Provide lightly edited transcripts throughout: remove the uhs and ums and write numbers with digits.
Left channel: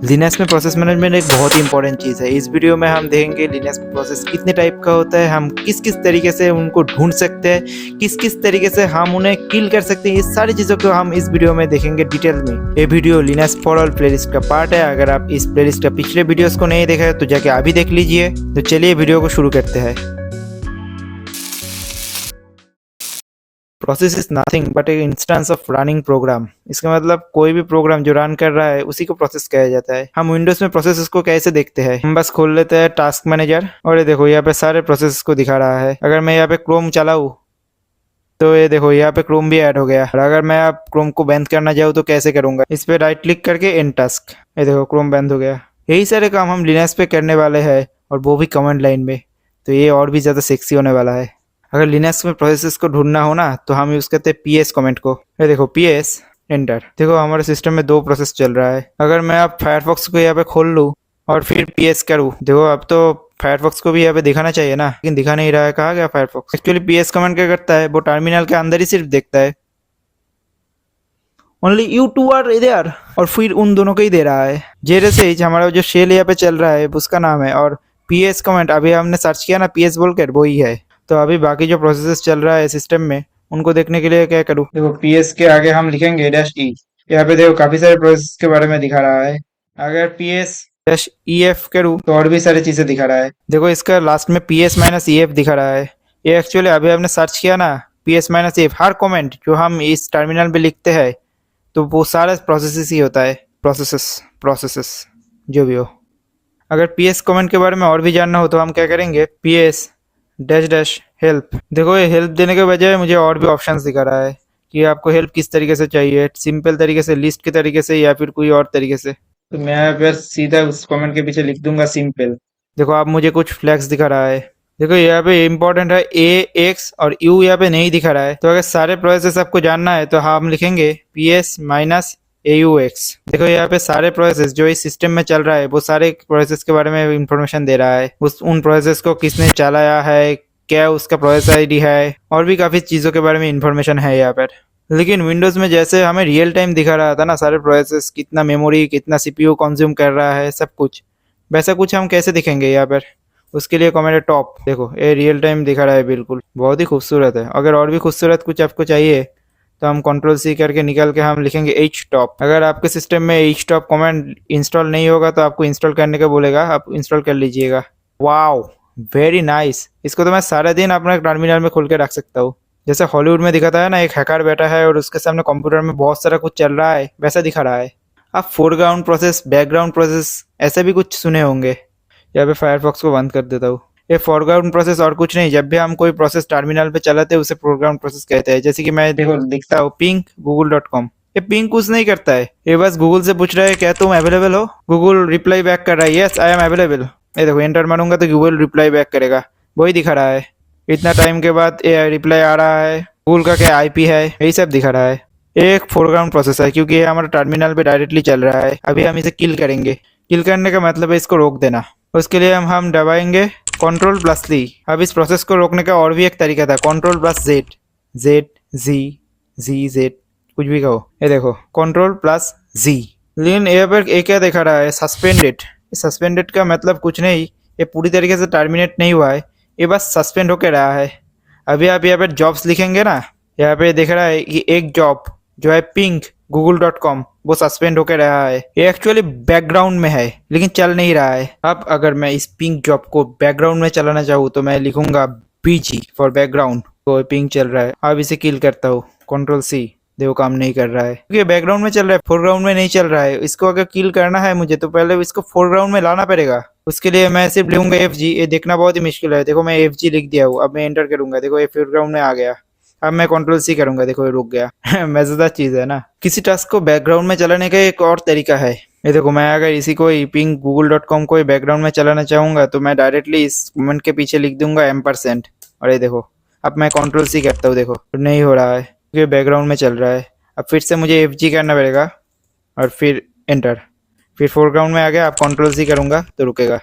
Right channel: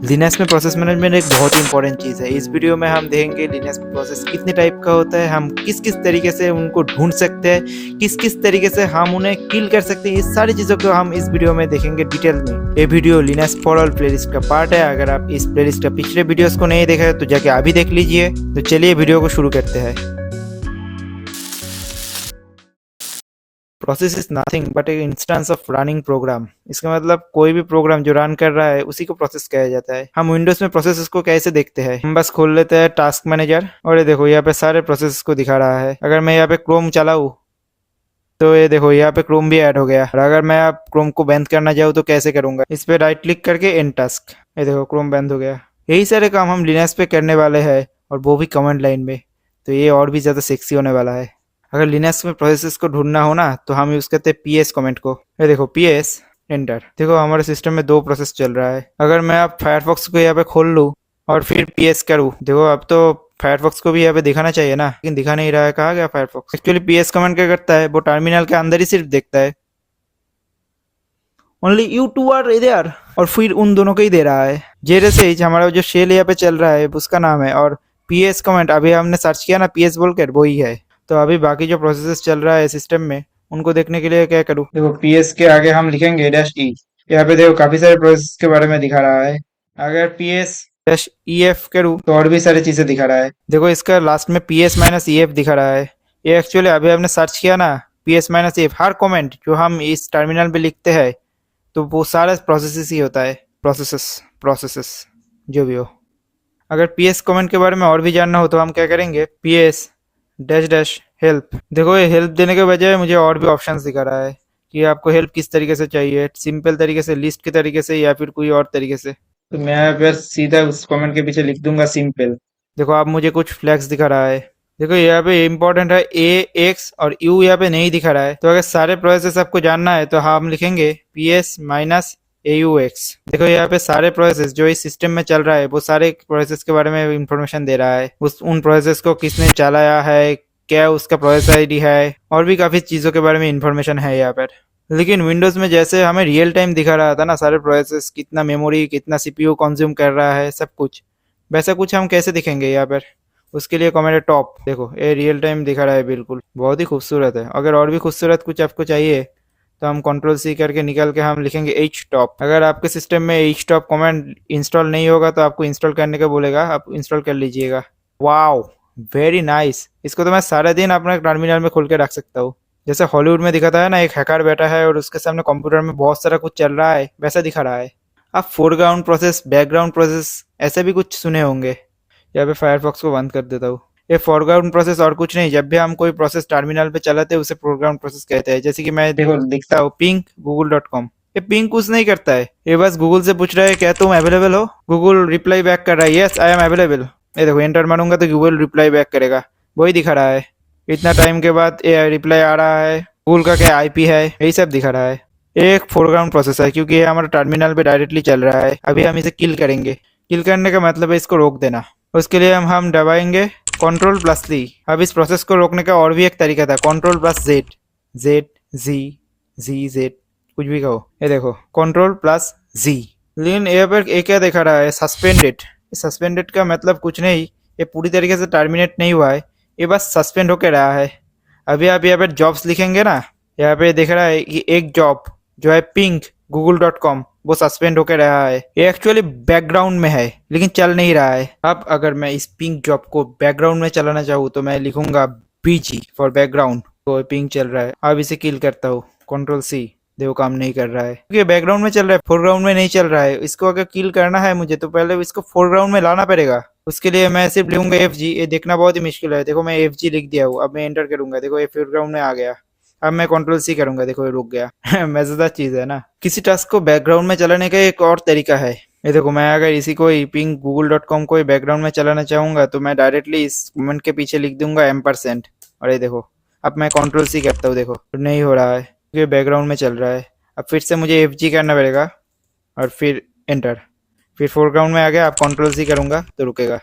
Linux में process management एक बहुत ही इंपॉर्टेंट चीज़ है। इस वीडियो में हम देखेंगे लिनक्स में प्रोसेस कितने टाइप का होता है, हम किस किस तरीके से उनको ढूंढ सकते हैं, किस किस तरीके से हम उन्हें किल कर सकते हैं। इस सारी चीज़ों को हम इस वीडियो में देखेंगे डिटेल में। ये video Linux for all playlist का पार्ट है। अगर आप इस प्लेलिस्ट का पिछले वीडियोस को नहीं देखा है तो जाके अभी देख लीजिए। तो चलिए वीडियो को शुरू करते हैं। प्रोसेस इज नथिंग बट एक इंस्टेंस ऑफ रनिंग प्रोग्राम। इसका मतलब कोई भी प्रोग्राम जो रन कर रहा है उसी को प्रोसेस कहा जाता है। हम विंडोज में प्रोसेसेस को कैसे देखते हैं, हम बस खोल लेते हैं टास्क मैनेजर और ये देखो यहाँ पे सारे प्रोसेस को दिखा रहा है। अगर मैं यहाँ पे क्रोम चलाऊँ तो ये देखो यहाँ पे क्रोम भी ऐड हो गया। और अगर मैं अब क्रोम को बंद करना चाहूँ तो कैसे करूंगा, इस पे राइट क्लिक करके एंड टास्क, ये देखो क्रोम बंद हो गया। यही सारे काम हम लिनक्स पे करने वाले हैं और वो भी कमांड लाइन में। तो ये और भी ज्यादा सेक्सी होने वाला है। अगर लिनक्स में प्रोसेसेस को ढूंढना हो ना तो हम यूज करते हैं पीएस कमेंट को। ये देखो पीएस एंटर। देखो हमारे सिस्टम में दो प्रोसेस चल रहा है। अगर मैं अब फायरफॉक्स को यहाँ पे खोल लूँ और फिर पीएस करूँ, देखो अब तो फायरफॉक्स को भी यहाँ पे दिखाना चाहिए ना, लेकिन दिखा नहीं रहा है। कहाँ गया फायरफॉक्स? एक्चुअली पीएस कमेंट क्या करता है, वो टर्मिनल के अंदर ही सिर्फ देखता है only you two are there, और फिर उन दोनों को ही दे रहा है। जैसे हमारा जो शेल यहाँ पे चल रहा है उसका नाम है, और पीएस कमेंट अभी हमने सर्च किया ना पीएस बोलकर, वो ही है। तो अभी बाकी जो प्रोसेसेस चल रहा है सिस्टम में उनको देखने के लिए क्या करूँ? देखो पीएस के आगे हम लिखेंगे डैश ई। यहाँ पे देखो काफी सारे प्रोसेस के बारे में दिखा रहा है। अगर पीएस डैश ई एफ करूँ तो और भी सारी चीजें दिखा रहा है। देखो इसका लास्ट में पीएस माइनस ई एफ दिखा रहा है। ये एक्चुअली अभी हमने सर्च किया ना पीएस माइनस एफ, हर कमेंट जो हम इस टर्मिनल पे लिखते हैं तो वो सारा प्रोसेसेस ही होता है। प्रोसेसेस जो भी हो। अगर पीएस कमेंट के बारे में और भी जानना हो तो हम क्या करेंगे, पीएस डैश डैश हेल्प। देखो ये हेल्प देने के बजाय मुझे और भी ऑप्शंस दिखा रहा है कि आपको हेल्प किस तरीके से चाहिए, सिंपल तरीके से, लिस्ट के तरीके से, या फिर कोई और तरीके से। तो मैं यहाँ पर सीधा उस कमेंट के पीछे लिख दूंगा सिंपल। देखो आप मुझे कुछ फ्लैग्स दिखा रहा है। देखो यहाँ पे इम्पोर्टेंट है ए एक्स और यू यहाँ पे नहीं दिखा रहा है। तो अगर सारे प्रोसेस आपको जानना है तो हम लिखेंगे P S minus A you x. देखो यहाँ पे सारे प्रोसेस जो इस सिस्टम में चल रहा है वो सारे प्रोसेस के बारे में इंफॉर्मेशन दे रहा है। उन प्रोसेस को किसने चलाया है, क्या उसका प्रोसेस आईडी है, और भी काफी चीजों के बारे में इंफॉर्मेशन है यहाँ पर। लेकिन विंडोज में जैसे हमें रियल टाइम दिखा रहा था ना सारे प्रोसेस, कितना मेमोरी कितना सीपीयू कंज्यूम कर रहा है सब कुछ, वैसा कुछ हम कैसे दिखेंगे यहाँ पर? उसके लिए कमेंट है टॉप। देखो ये रियल टाइम दिखा रहा है, बिल्कुल बहुत ही खूबसूरत है। अगर और भी खूबसूरत कुछ आपको चाहिए तो हम कंट्रोल सी करके निकल के हम लिखेंगे एच टॉप। अगर आपके सिस्टम में एच टॉप कमेंट इंस्टॉल नहीं होगा तो आपको इंस्टॉल करने का बोलेगा, आप इंस्टॉल कर लीजिएगा। Wow very nice. इसको तो मैं सारा दिन अपने टर्मिनल में खोल के रख सकता हूँ। जैसे हॉलीवुड में दिखाता है ना, एक हैकर बैठा है और उसके सामने कंप्यूटर में बहुत सारा कुछ चल रहा है, वैसा दिखा रहा है। आप फोरग्राउंड प्रोसेस, बैकग्राउंड प्रोसेस ऐसे भी कुछ सुने होंगे। यहाँ पे फायरफॉक्स को बंद कर देता हूँ। ये फोरग्राउंड प्रोसेस और कुछ नहीं, जब भी हम कोई प्रोसेस टर्मिनल पे चलाते हैं उसे फोरग्राउंड प्रोसेस कहते हैं। जैसे कि मैं देखो दिखता देखता हूँ पिंग google.com। ये पिंग कुछ नहीं करता है, ये बस गूगल से पूछ रहा है क्या तुम अवेलेबल हो। गूगल रिप्लाई बैक कर रहा है यस आई एम अवेलेबल। ये देखो एंटर मारूंगा तो गूगल रिप्लाई बैक करेगा, वही दिखा रहा है। इतना टाइम के बाद रिप्लाई आ रहा है, गूगल का क्या आईपी है, यही सब दिखा रहा है। ये एक फोरग्राउंड प्रोसेस है क्योंकि ये हमारा टर्मिनल पे डायरेक्टली चल रहा है। अभी हम इसे किल करेंगे। किल करने का मतलब है इसको रोक देना। उसके लिए हम दबाएंगे कंट्रोल प्लस सी। अब इस प्रोसेस को रोकने का और भी एक तरीका था, कंट्रोल प्लस जेड, जेड जी जी जेड कुछ भी कहो। ये देखो कंट्रोल प्लस जी। लेकिन यहाँ पर एक क्या दिखा रहा है, सस्पेंडेड। सस्पेंडेड का मतलब कुछ नहीं, ये पूरी तरीके से टर्मिनेट नहीं हुआ है, ये बस सस्पेंड होके रहा है। अभी आप यहाँ पे जॉब्स लिखेंगे ना, यहाँ पे दिख रहा है कि एक जॉब जो है पिंक google.com वो सस्पेंड होकर रहा है। ये एक्चुअली बैकग्राउंड में है लेकिन चल नहीं रहा है। अब अगर मैं इस पिंक जॉब को बैकग्राउंड में चलाना चाहूँ तो मैं लिखूंगा बीजी फॉर बैकग्राउंड। तो पिंक चल रहा है। अब इसे किल करता हूँ कंट्रोल सी, देखो काम नहीं कर रहा है क्योंकि बैकग्राउंड में चल रहा है, फोरग्राउंड में नहीं चल रहा है। इसको अगर किल करना है मुझे तो पहले इसको फोरग्राउंड में लाना पड़ेगा। उसके लिए मैं सिर्फ लिखूंगा एफ जी। ये देखना बहुत ही मुश्किल है। देखो मैं एफ जी लिख दिया हूँ। अब मैं एंटर करूंगा, देखो ये फोरग्राउंड में आ गया। अब मैं कंट्रोल सी करूंगा, देखो ये रुक गया। मजेदार चीज है ना। किसी टास्क को बैकग्राउंड में चलाने का एक और तरीका है। ये देखो मैं अगर इसी को पिंग google.com को बैकग्राउंड में चलाना चाहूंगा तो मैं डायरेक्टली इस कमेंट के पीछे लिख दूंगा एम्परसेंट। और ये देखो अब मैं कंट्रोल सी करता हूँ, देखो तो नहीं हो रहा है क्योंकि बैकग्राउंड में चल रहा है। अब फिर से मुझे एफ जी करना पड़ेगा और फिर एंटर, फिर फोरग्राउंड में आ गया। अब कंट्रोल सी करूंगा तो रुकेगा।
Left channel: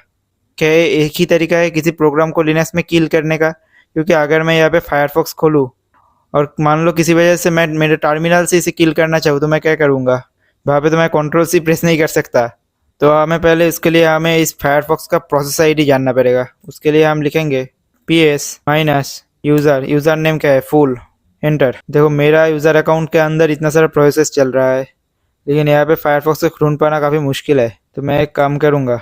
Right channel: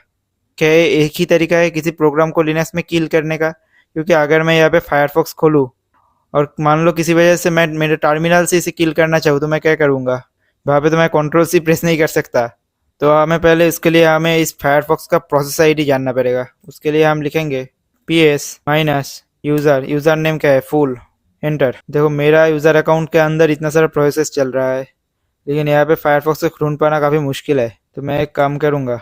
क्या ये एक ही तरीका है किसी प्रोग्राम को लिनक्स में किल करने का? क्योंकि अगर मैं यहाँ पे फायरफॉक्स खोलूँ और मान लो किसी वजह से मैं मेरे टर्मिनल से इसे किल करना चाहूँ तो मैं क्या करूँगा? वहाँ पे तो मैं कंट्रोल सी प्रेस नहीं कर सकता, तो हमें पहले इसके लिए हमें इस फायरफॉक्स का प्रोसेस आईडी जानना पड़ेगा। उसके लिए हम लिखेंगे ps माइनस यूजर नेम क्या है फुल, एंटर। देखो मेरा यूजर अकाउंट के अंदर इतना सारा प्रोसेस चल रहा है, लेकिन यहाँ पे फायरफॉक्स को ढूंढ पाना काफ़ी मुश्किल है। तो मैं एक काम करूँगा,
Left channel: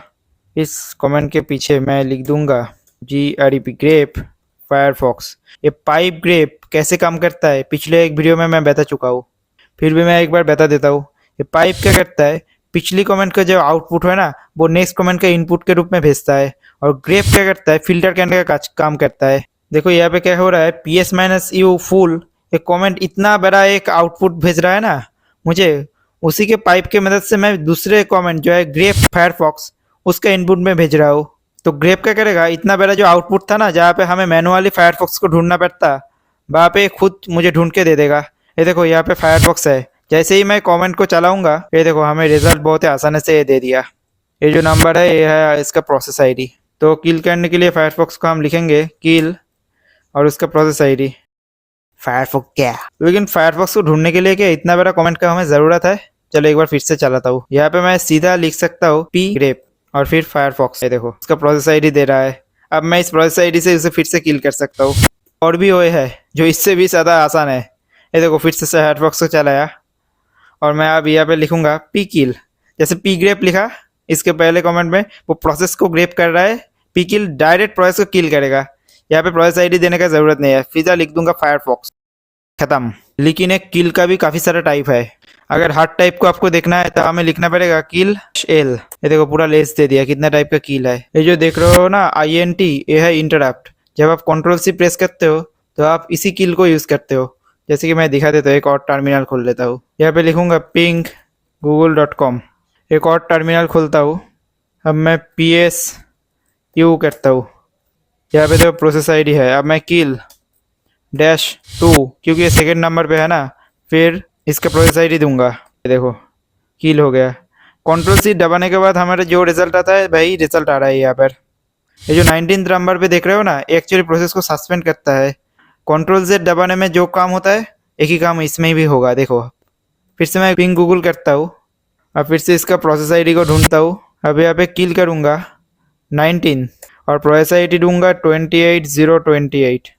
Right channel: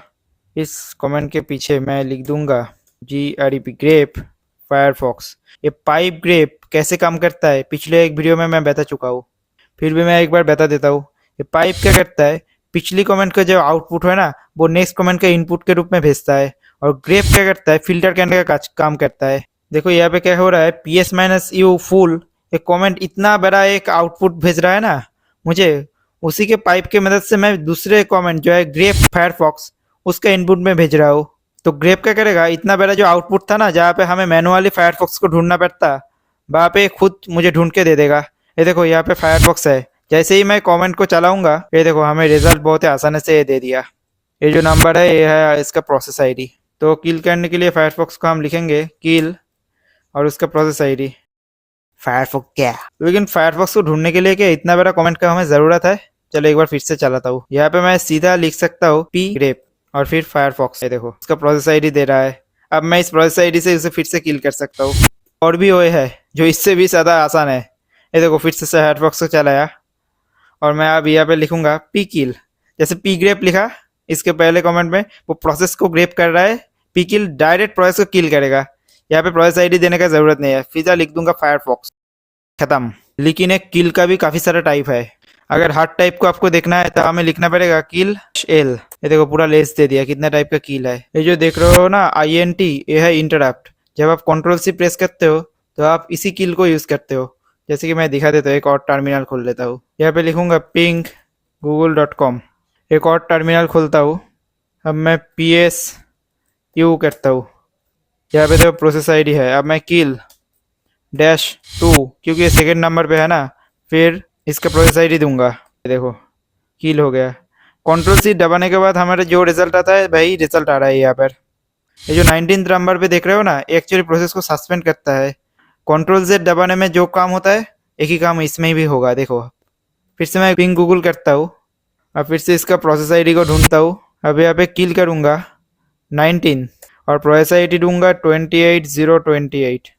इस कमेंट के पीछे मैं लिख दूंगा grep ग्रेप फायरफॉक्स। ये पाइप ग्रेप कैसे काम करता है पिछले एक वीडियो में मैं बता चुका हूँ, फिर भी मैं एक बार बता देता हूँ। ये पाइप क्या करता है, पिछली कमेंट का जो आउटपुट है ना वो नेक्स्ट कमेंट का इनपुट के रूप में भेजता है। और ग्रेप क्या करता है, फिल्टर करने का काम करता है। देखो यहाँ पे क्या हो रहा है, ps माइनस यू फुल एक कमेंट इतना बड़ा एक आउटपुट भेज रहा है ना मुझे, उसी के पाइप के मदद से मैं दूसरे कमेंट जो है ग्रेप फायरफॉक्स उसका इनपुट में भेज रहा हूँ। तो ग्रेप क्या करेगा, इतना बड़ा जो आउटपुट था ना जहाँ पे हमें मैनुअली फायरफॉक्स को ढूंढना पड़ता, वहाँ पे खुद मुझे ढूंढ के दे देगा। ये देखो यहाँ पे फायरफॉक्स है, जैसे ही मैं कमेंट को चलाऊंगा ये देखो हमें रिजल्ट बहुत ही आसानी से ये दे दिया। ये जो नंबर है ये है इसका प्रोसेस आईडी। तो किल करने के लिए फायरफॉक्स को हम लिखेंगे किल और उसका प्रोसेस आईडी फायरफॉक्स क्या। लेकिन फायरफॉक्स को ढूंढने के लिए क्या इतना बड़ा कमेंट का हमें जरूरत है। चलो एक बार फिर से चलाता हूँ। यहाँ पे मैं सीधा लिख सकता हूँ p ग्रेप और फिर फायरफॉक्स। ये देखो इसका प्रोसेस आईडी दे रहा है। अब मैं इस प्रोसेस आईडी से उसे फिर से किल कर सकता हूँ। और भी वो है जो इससे भी ज्यादा आसान है। ये देखो फिर से फायरफॉक्स को चलाया और मैं अब यहाँ पे लिखूंगा p किल। जैसे p ग्रेप लिखा इसके पहले कमेंट में, वो प्रोसेस को ग्रेप कर रहा है, p किल डायरेक्ट प्रोसेस को किल करेगा। यहाँ पे प्रोसेस आईडी देने का जरूरत नहीं है, सीधा लिख दूंगा फायरफॉक्स, खत्म। लेकिन एक किल का भी काफी सारा टाइप है। अगर हार्ड टाइप को आपको देखना है तो हमें लिखना पड़ेगा किल एल। ये देखो पूरा लेस दे दिया कितना टाइप का किल है। ये जो देख रहे हो ना INT, ये है इंटरप्ट। जब आप Ctrl+C प्रेस करते हो तो आप इसी किल को यूज करते हो। जैसे कि मैं दिखा देता हूँ, एक और टर्मिनल खोल लेता हूँ। यहाँ पे लिखूंगा ping google.com, एक और टर्मिनल खोलता हूँ। अब मैं PSU करता हूँ। यहाँ पे जो प्रोसेस आईडी है, अब मैं किल -2 क्योंकि ये सेकंड नंबर पे है ना, फिर इसका प्रोसेस आईडी दूंगा। ये देखो किल हो गया। Ctrl+C दबाने के बाद हमारे जो रिजल्ट आता है वही रिजल्ट आ रहा है यहाँ पर। ये जो 19th नंबर पे देख रहे हो ना, एक्चुअली प्रोसेस को सस्पेंड करता है। Ctrl+Z दबाने में जो काम होता है एक ही काम इसमें भी होगा। देखो फिर से मैं पिंग गूगल करता हूँ, अब फिर से इसका प्रोसेस आईडी को ढूंढता हूँ। अब यहाँ पे किल करूंगा 19 और प्रोसेस आईडी दूंगा 28028।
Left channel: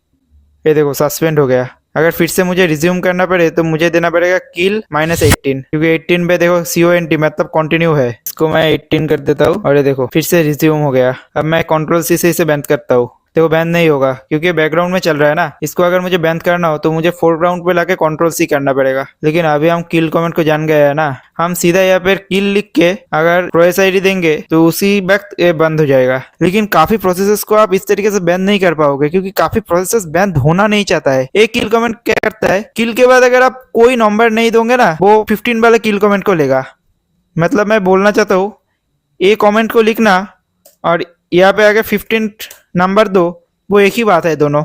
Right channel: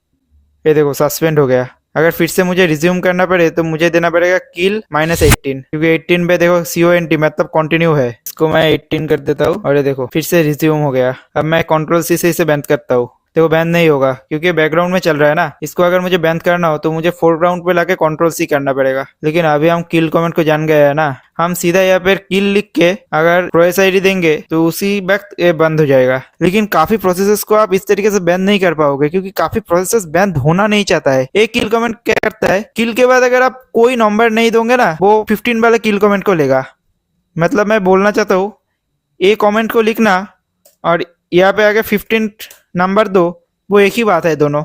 ये देखो सस्पेंड हो गया। अगर फिर से मुझे रिज्यूम करना पड़े तो मुझे देना पड़ेगा किल -18, क्योंकि 18 पे देखो CONT मतलब कंटिन्यू है। इसको मैं 18 कर देता हूँ और ये देखो फिर से रिज्यूम हो गया। अब मैं Ctrl+C से इसे बैंड करता हूँ। देखो बैंड नहीं होगा क्योंकि बैकग्राउंड में चल रहा है ना। इसको अगर मुझे बैंड करना हो तो मुझे फोरग्राउंड पे लाके Ctrl+C करना पड़ेगा। लेकिन अभी हम किल कमेंट को जान गए हैं ना, हम सीधा यहाँ पे किल लिख के अगर प्रोसेस आईडी देंगे तो उसी वक्त ये बंद हो जाएगा। लेकिन काफी प्रोसेसेस को आप इस तरीके से बैंड नहीं कर पाओगे क्योंकि काफी प्रोसेसेस बैंड होना नहीं चाहता है। एक किल कमेंट क्या करता है, किल के बाद अगर आप कोई नंबर नहीं दोगे ना, वो 15 वाले किल कमेंट को लेगा। मतलब मैं बोलना चाहता हूँ ए कमेंट को लिखना और यहाँ पे अगर 15 नंबर दो, वो एक ही बात है दोनों।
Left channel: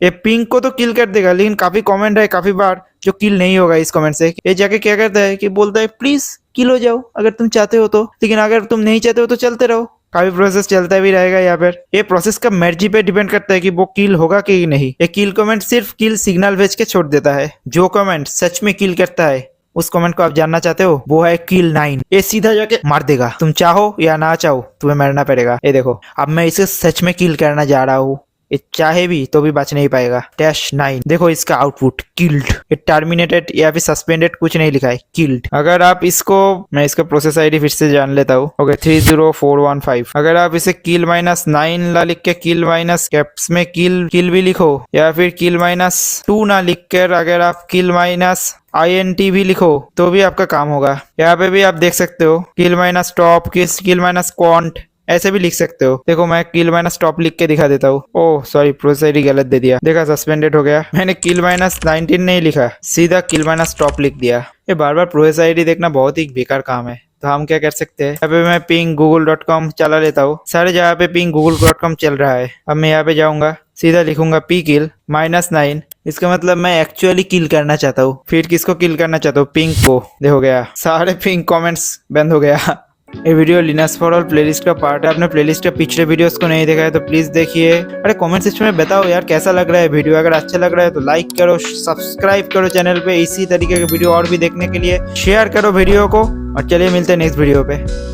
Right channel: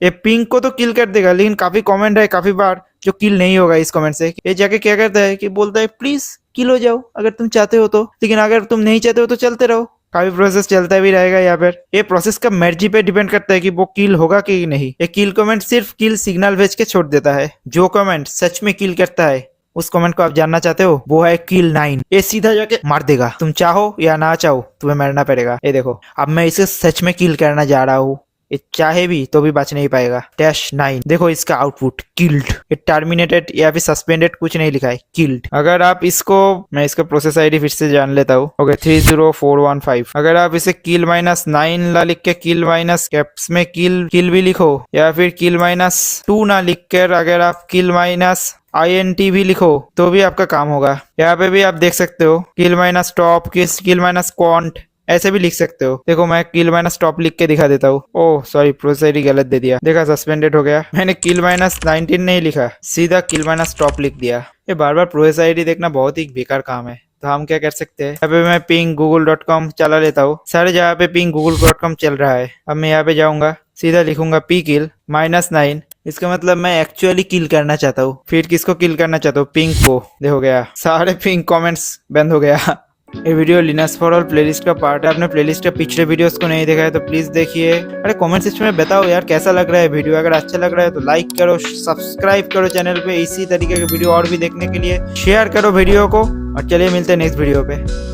ये पिंक को तो किल कर देगा, लेकिन काफी कमेंट है काफी बार जो किल नहीं होगा इस कमेंट से। ये जाके क्या करता है कि बोलता है प्लीज किल हो जाओ अगर तुम चाहते हो तो, लेकिन अगर तुम नहीं चाहते हो तो चलते रहो। काफी प्रोसेस चलता भी रहेगा यहाँ पर। ये प्रोसेस का मर्जी पे डिपेंड करता है कि वो किल होगा कि नहीं। ये किल कमेंट सिर्फ किल सिग्नल भेज के छोड़ देता है। जो कमेंट सच में किल करता है उस कमेंट को आप जानना चाहते हो, वो है किल 9। ये सीधा जाके मार देगा, तुम चाहो या ना चाहो तुम्हें मरना पड़ेगा। ये देखो अब मैं इसे सच में किल करना जा रहा हूँ, ये चाहे भी तो भी बच नहीं पाएगा। -9 देखो इसका आउटपुट किल्ड। ये टर्मिनेटेड या फिर सस्पेंडेड कुछ नहीं लिखा है, किल्ड। अगर आप इसको, मैं इसका प्रोसेस आईडी फिर से जान लेता हूँ। ओके 30415। अगर आप इसे किल -9 ला लिख के किल माइनस कैप्स में किल भी लिखो, या फिर किल -2 ना लिख कर अगर आप किल INT भी लिखो तो भी आपका काम होगा। यहाँ पे भी आप देख सकते हो किल -stop, किल -quant ऐसे भी लिख सकते हो। देखो मैं किल -stop लिख के दिखा देता हूँ। ओह सॉरी प्रोसेस आईडी गलत दे दिया, देखा सस्पेंडेड हो गया। मैंने किल -19 नहीं लिखा, सीधा किल -stop लिख दिया। ये बार बार प्रोसेस आईडी देखना बहुत ही बेकार काम है। तो हम क्या कर सकते हैं, यहाँ पे मैं पिंग google.com चला लेता हूँ। सारे जगह पे पिंग google.com चल रहा है। अब मैं यहाँ पे जाऊंगा, सीधा लिखूंगा p किल -9। इसका मतलब मैं एक्चुअली किल करना चाहता हूँ। फिर किसको किल करना चाहता हूँ, पिंग को। देखो गया सारे पिंग कमेंट्स बंद हो गया। ये video Linux for all playlist का पार्ट है। आपने प्लेलिस्ट के पिछले वीडियोस को नहीं देखा है तो प्लीज देखिए। अरे कमेंट सेक्शन में बताओ यार कैसा लग रहा है वीडियो। अगर अच्छा लग रहा है तो लाइक करो, सब्सक्राइब करो चैनल पे। इसी तरीके के वीडियो और भी देखने के लिए शेयर करो वीडियो को। और चलिए मिलते हैं नेक्स्ट वीडियो पे।